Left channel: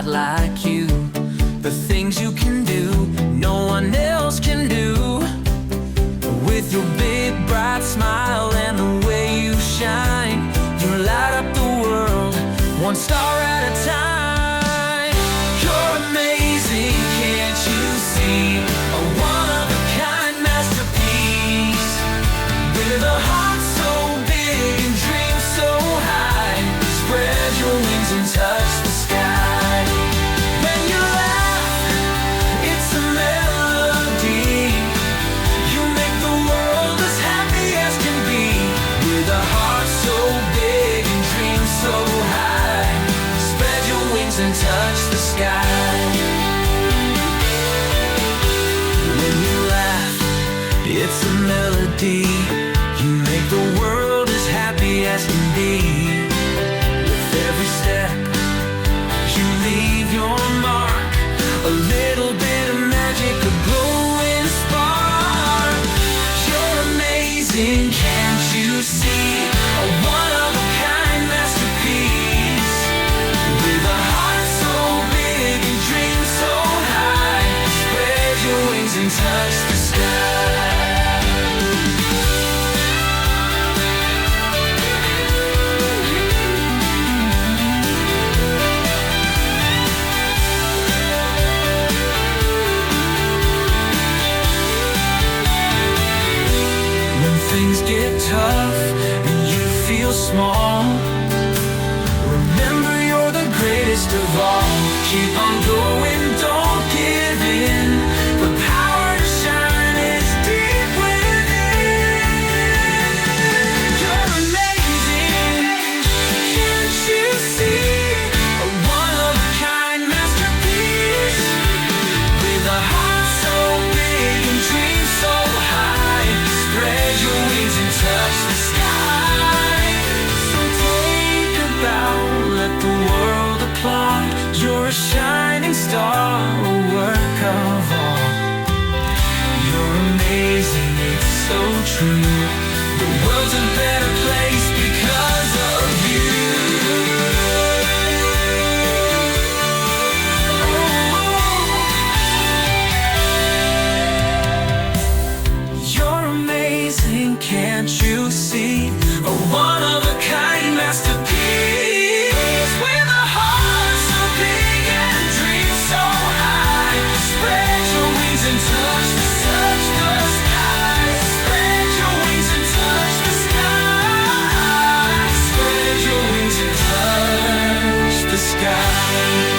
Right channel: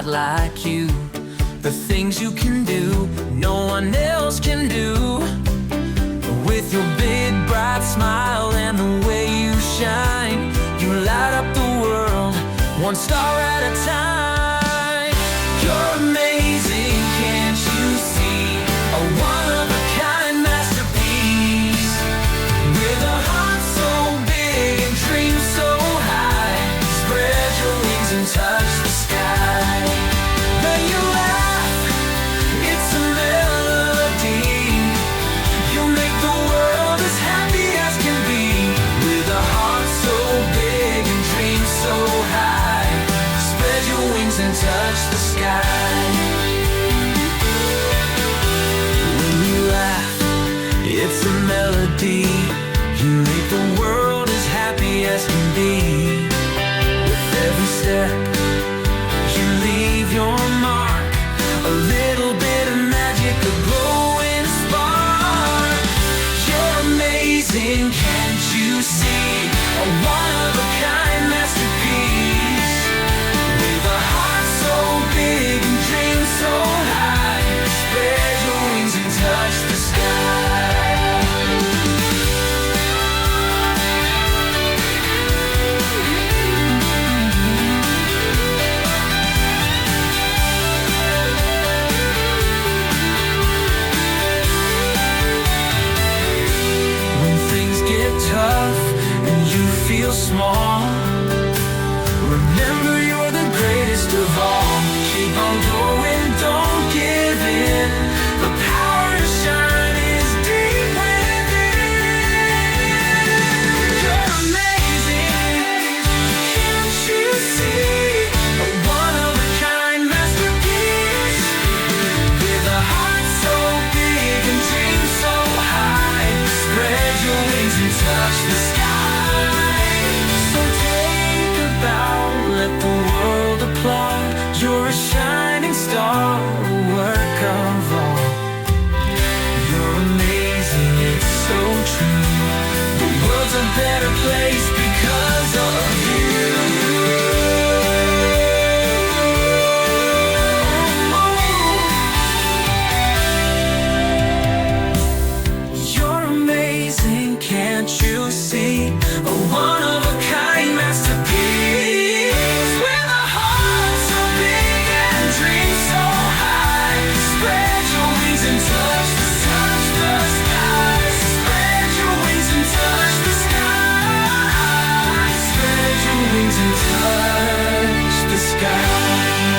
quite like you. The things you can do, no one else can do. With your big bright smile and the way you shine, you light up the world, one star at a time. You're amazing, can't you see? A one-of-a-kind masterpiece. With a heart so big and dreams so high, spread your wings and touch the sky. When you laugh, it's a melody. You make the world as happy as can be. With a heart so big and dreams so high, spread your wings and touch the sky. When you laugh, it's a melody. You make the world as happy as can be. With every step, you leave your mark. A little bit of magic, a glowing spark. You're amazing, can't you see? A one-of-a-kind masterpiece. With a heart so big and dreams so high, spread your wings and touch the sky. Things get tough and you feel small, remember you're the greatest of all. Keep on going, don't give in. The power to shine is deep within. You're amazing, can't you see? A one-of-a-kind masterpiece. With a heart so big and dreams so high, spread your wings and touch the sky. So take a bow, let the world applaud. You're a shining star, a work of art. You're amazing, it's so true. The world's a better place because of you. Can't you see? A one-of-a-kind masterpiece. With a heart so big and dreams so high, spread your wings and touch the sky. Spread your wings and touch the sky. Spread your wings and touch the sky.